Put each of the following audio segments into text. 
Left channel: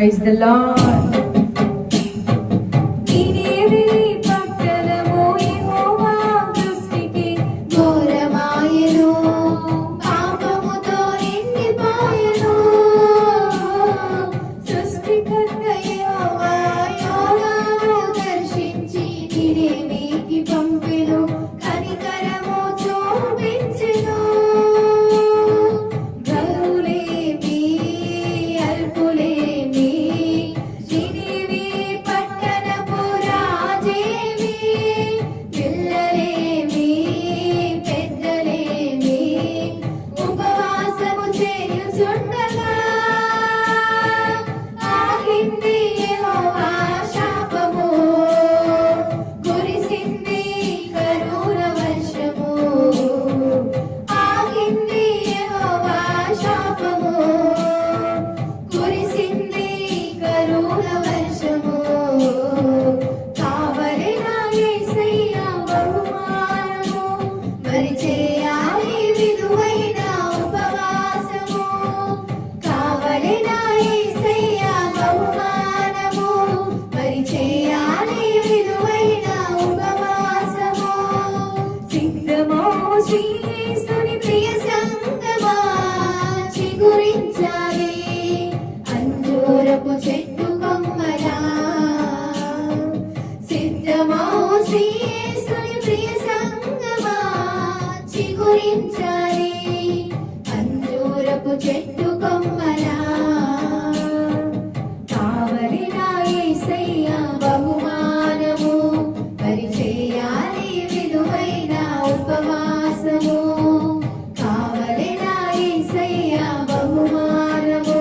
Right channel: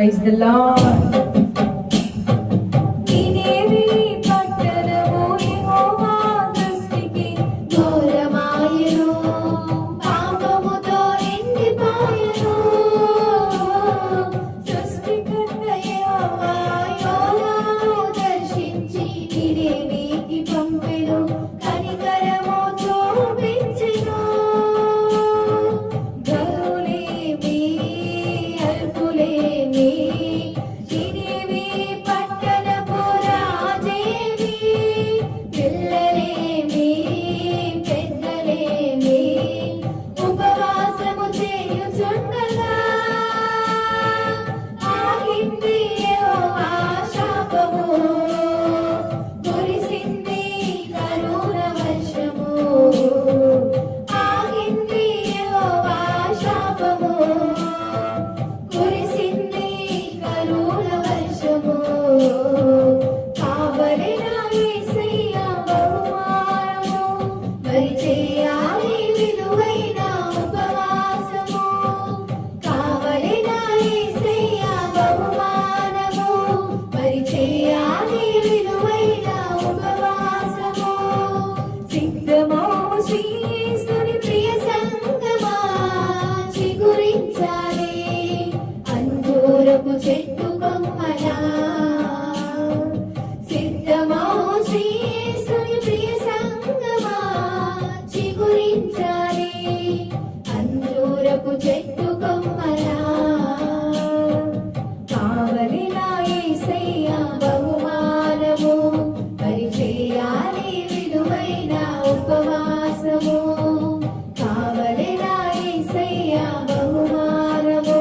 Praise the Lord. చెట్టు కొమ్మలా సిద్ధమో శ్రీయేసుని ప్రియ సంగమా చిగురించాలి అంజూరపు చెట్టు కొమ్మలా కావలి నా యేసయ్య బహుమానము పరిచేయాలి విలువైన ఉపవాసము కావలి నా యేసయ్య బహుమానము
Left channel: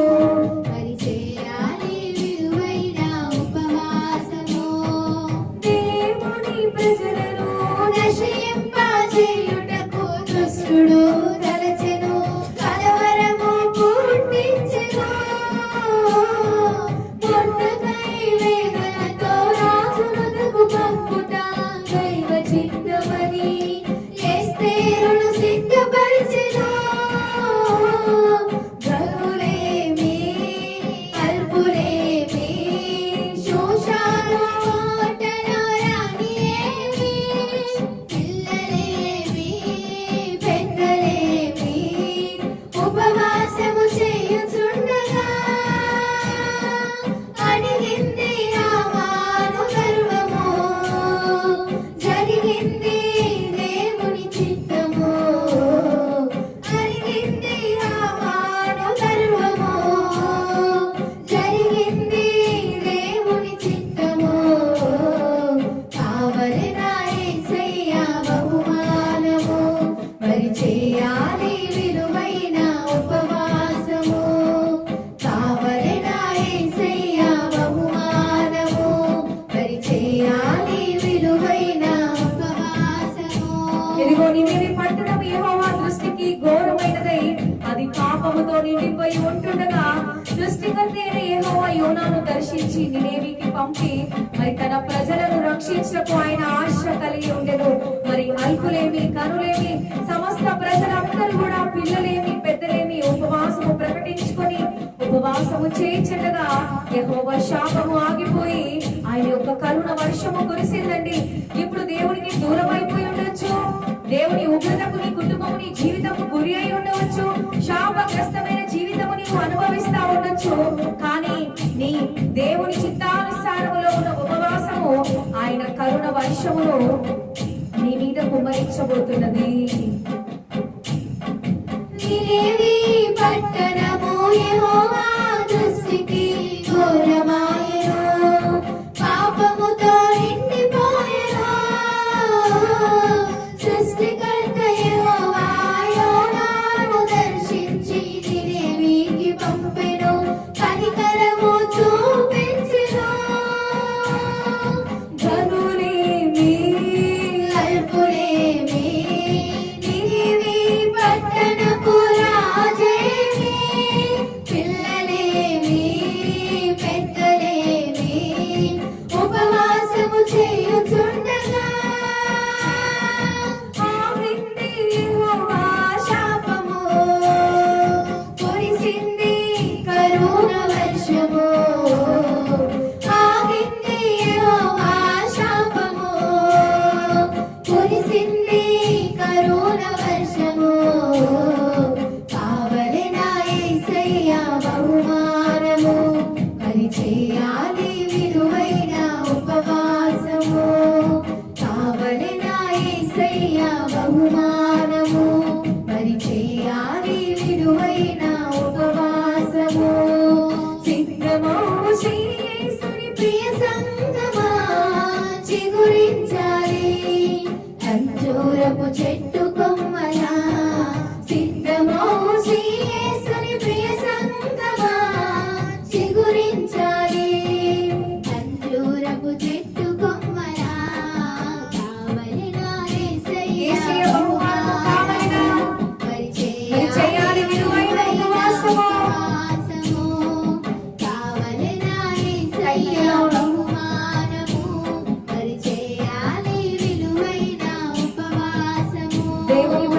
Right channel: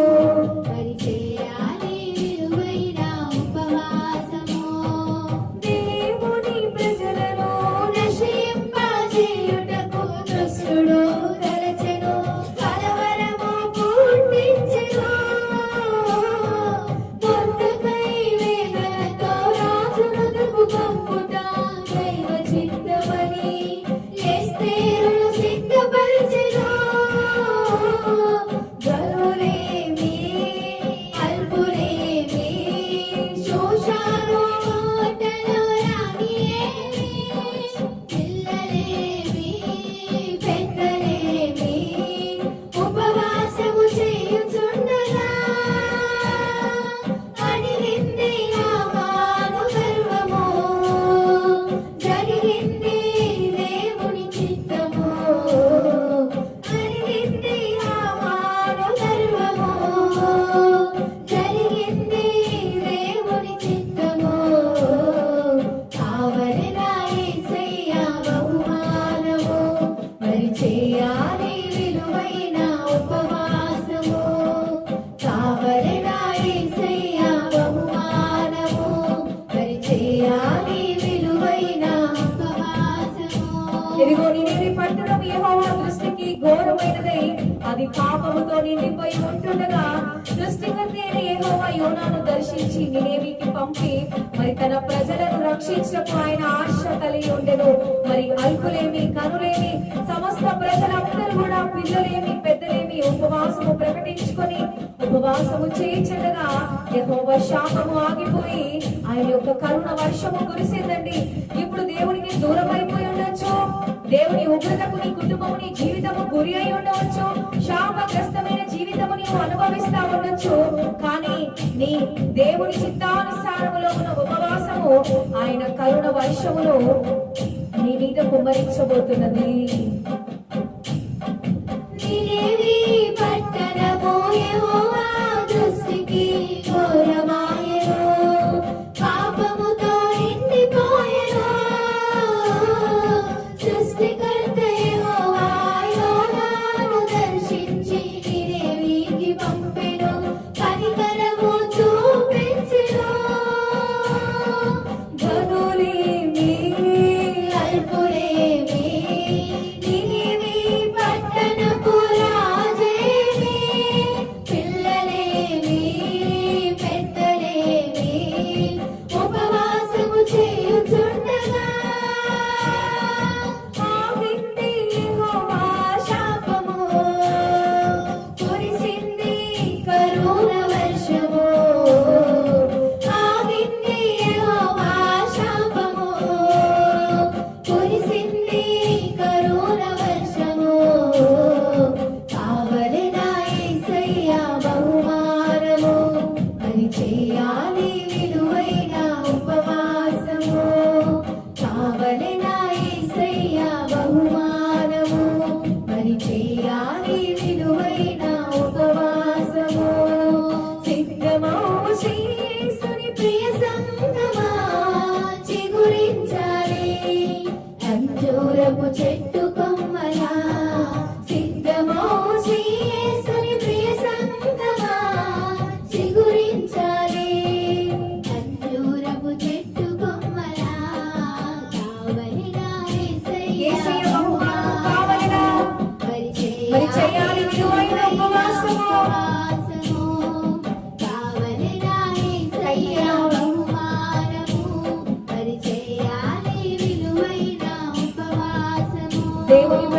ఇదిగో నినివే పట్టణం యెహోవా దృష్టికి ఘోరమైనదై అది పాపముతో నిండిపోయి ఉంటుండగా సృష్టికర్త అయిన యెహోవా యోనాను దర్శించి నినివేకి పంపి మరి తన ప్రజలను రక్షించకు ఆయన ఆశ కలిగి ఉండెను. మరి అల్పులేమి కనులేమి సమస్త ప్రజలందరూ కూడా పిల్లలేమి పెద్దలేమి ఉపవాసము ప్రకటించుకొని ఉపవాసము చేయించగా యెహోవా శాపము ఆగిపోయి ఆయన యొక్క కరుణ వర్షము కురిసిందండి. ఇప్పుడు దేవునికి దూరం అయిపోయి ఉండొచ్చు, దేవుని ఉగ్రతకు నీ కుటుంబము నీ జీవితము గురి అయి ఉండవచ్చు, శాపగ్రస్తమైన జీవితము నీవు అనుభవిస్తా ఉండొచ్చు. కానీ నీ దేవుని చిత్తానుసారములో ఉన్న ఉపవాసము ఆయన కరుణ వర్షములో నీ మీద కుమ్మరించబోతున్నది. పట్టణము యెహోవా దృష్టికి ఘోరమాయెను, పాపముతో నిండిపోయెను. సృష్టికర్త యెహోవా యోనాను దర్శించి నినివేకి పంపెను, కనికరము చూపించెను. ఘనులేమి అల్పులేమి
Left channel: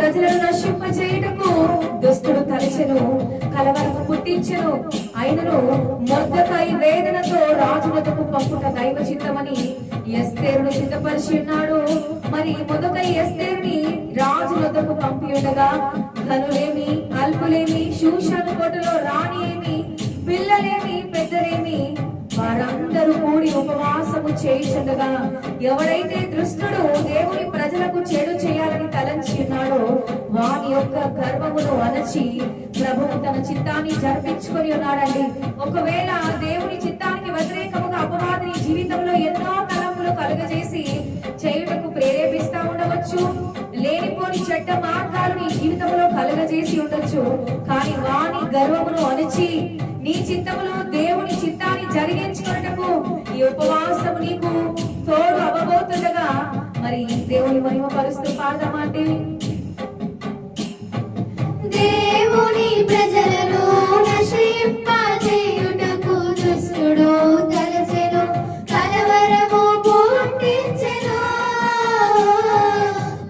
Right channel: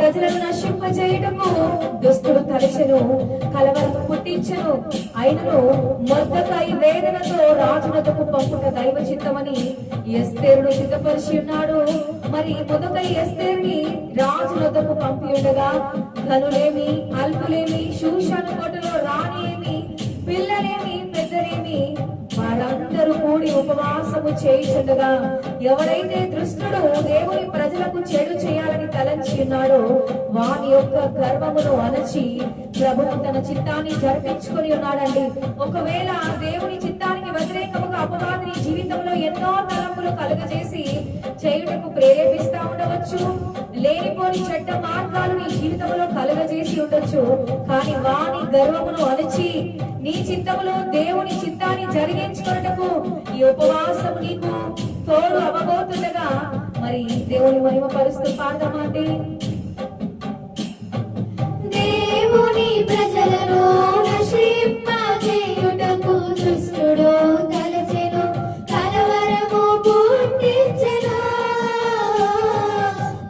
ప్రజలను నశింపజేయుటకు దుష్టుడు తలచెను, కలవరము పుట్టించెను. అయినను మొర్దెకై వేదనతో రాజునకు పంపుట దైవ చిత్తమని ఎస్తేరును సిద్ధపరిచి ఉన్నాడు. మరి మొదకై ఎస్తేరుని రాజునకు పంపి ఉండగా ధనులేమి, అల్పులేమి, షూషను కోటలో రాణి ఏమి, పిల్లలేమి, పెద్దలేమి వారందరూ కూడి ఉపవాసము చేయుచుండగా ఎవడైతే దుష్టుడు దేవుని ప్రజలకు చెడు చేయాలని తలంచి ఉన్నాడో వాని యొక్క గర్వమును అణచి ప్రభువు తన చిత్తాన్ని జరిపించుకొని ఉన్నాడండి. ఒకవేళ దేవుని చిత్తానికి వ్యతిరేకముగా అపవాదిని జీవితంలో ఎన్నో తలంపులు కలుగజేసి చేయుటకు ప్రేరేపిస్తా ఉండవచ్చు. లేనిపోని చెడ్డ మార్గాలు నీ జీవితంలో కలుగజేసి ఉండొచ్చు. కానీ వాని గర్వమును అణచి నీ చిత్తములో దేవుని చిత్తాన్ని జరిగించుకున్నటకు ఈ ఉపవాసము నీకు తోడు అవ్వబోతుండగా మరి దేవుని మహిమ పరుస్తూ పాడదామంటే దేవుని ప్రజలను నశింపజేయుటకు దుష్టుడు తలచెను, కలవరము పుట్టించెను.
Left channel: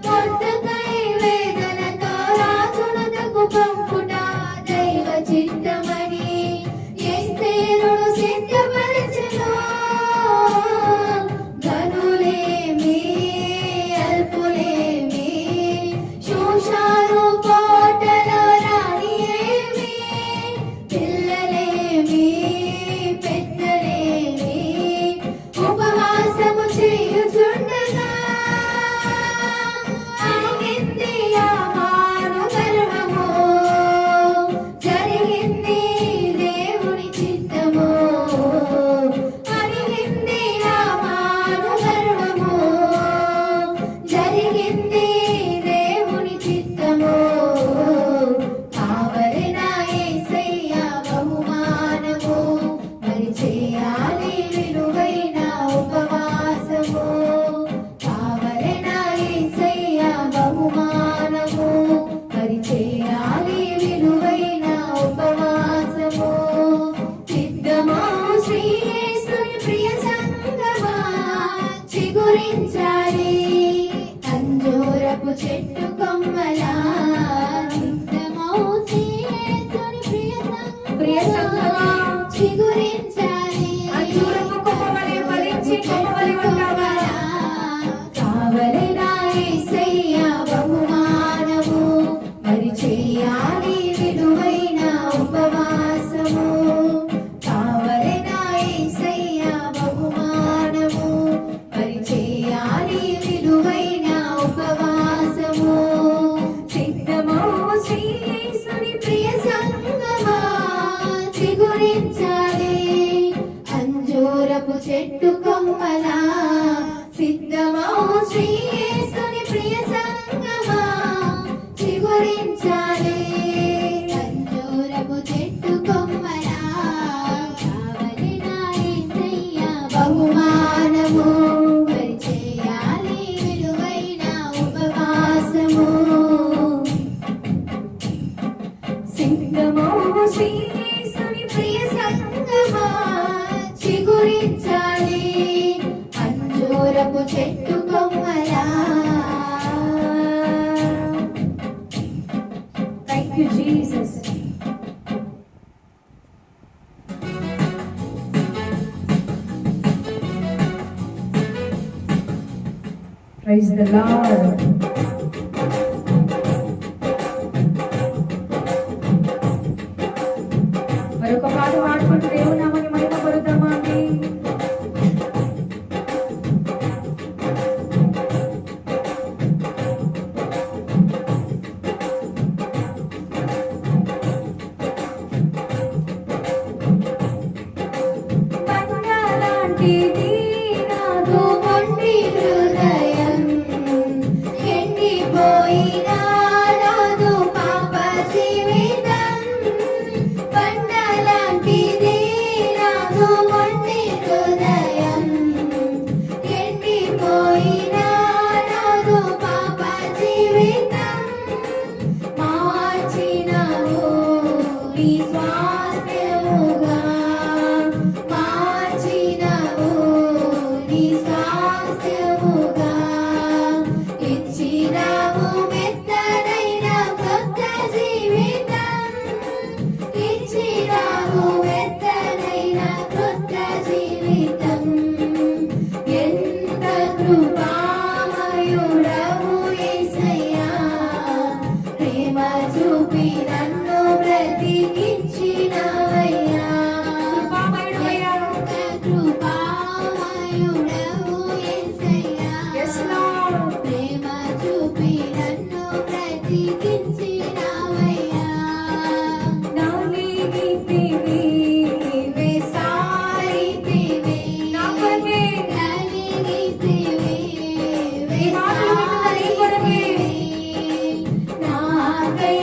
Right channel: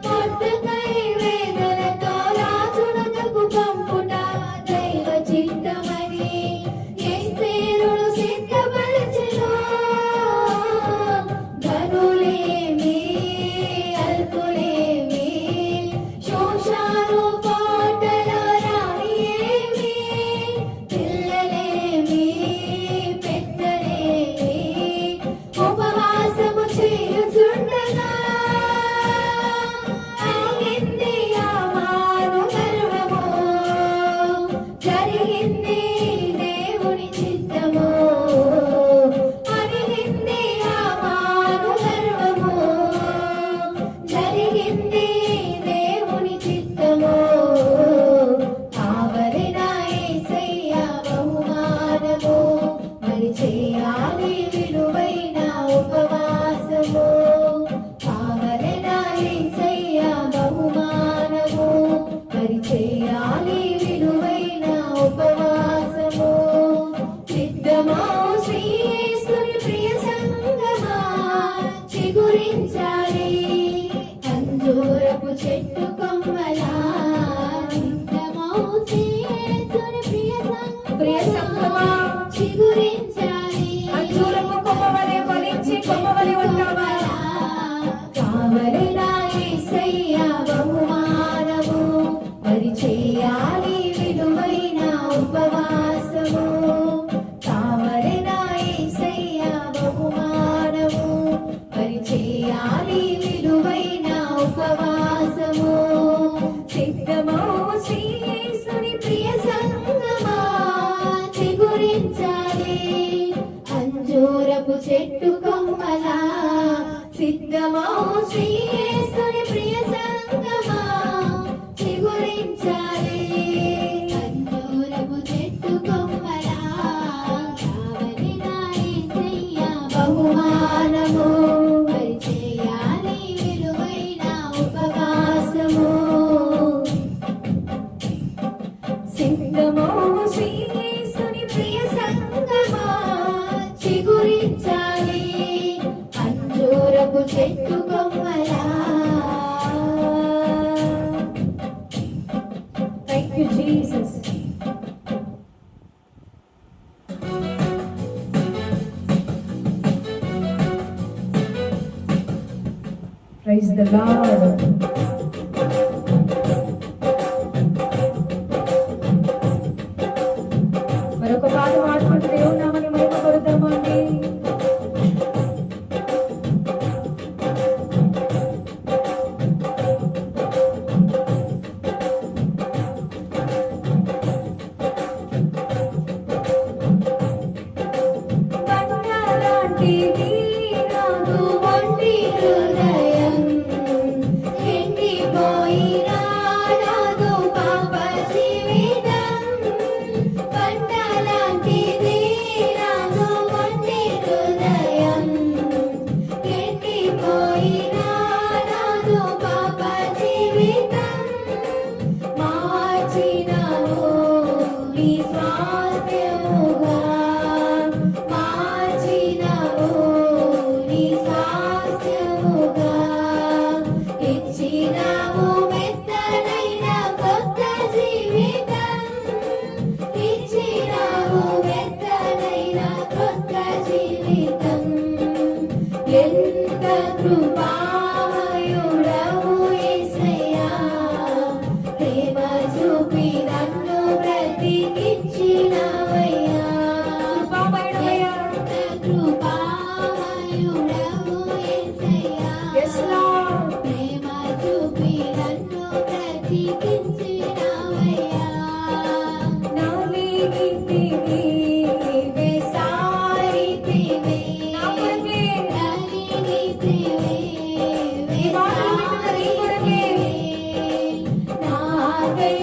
మొర్దెకై వేదనతో రాజునకు పంపుట దైవ చిత్తమని ఎస్తేరును సిద్ధపరిచెను. ధనులేమి, అల్పులేమి, షూషను కోటలో రాణి ఏమి, పిల్లలేమి, పెద్దలేమి ఉపవాసము చేయుచుండగా ఆగింది యామాను గర్వము, జరిగింది దేవుని చిత్తము. అరిగింది యామాను గర్వము, జరిగింది దేవుని చిత్తము. కావలిన యేసయ్య బహుమానము, మరి చేయాలి విలువైన ఉపవాసము. కావలిన యేసయ్య బహుమానము, మరి చేయాలి విలువైన ఉపవాసము. సిద్ధమా శ్రీ యేసుని ప్రియ సంగమా, చిగురించాలి అంజూరపు చెట్టు కొమ్మలా. సిద్ధమా శ్రీ యేసుని ప్రియ సంగమా, చిగురించాలి అంజూరపు కొమ్మ వలె ఫలించి కొమ్మ వలె ఉంటావా? కావలిన యేసయ్య బహుమానము, మరి చేయాలి విలువైన ఉపవాసము. కావలిన యేసయ్య బహుమానము, మరి చేయాలి విలువైన ఉపవాసము. సిద్ధమా శ్రీ యేసుని ప్రియ సంగమా, చిగురించాలి అంజూరపు చెట్టు కొమ్మలా. సిద్ధమా శ్రీ యేసుని ప్రియ సంగమా, చిగురించాలి అంజూరపు చెట్టు కొమ్మలా. కావలిన యేసయ్య బహుమానము, మరి చేయాలి విలువైన ఉపవాసము. సిద్ధమా శ్రీ యేసుని ప్రియ సంగమా, చిగురించాలి అంజూరపు చెట్టు కొమ్మలా. Thank you, Jesus. Praise the Lord. మరొక పాట పాడుకుంటూ దేవుని నామాన్ని మహిమ పరుద్దామా అండి. బండలాంటిది నాదు మొండి హృదయం, ప్రేమ చూపి నన్ను బ్రతికించినవయ్యా కృపామయుడవయ్యా. కృపామయుడవు యేసయ్యా Yes, Lord. ప్రేమ చూపి నన్ను బ్రతికించినవయ్యా నా లేనితివి వేసారితివి నా కొరకే. నలిగితివి ఈ మాటలు వింటున్న నీ కొరకే. నాకై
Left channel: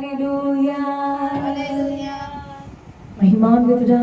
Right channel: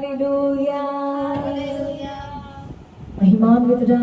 హల్లెలూయా. హల్లెలూయా. మహిమాన్వితుడా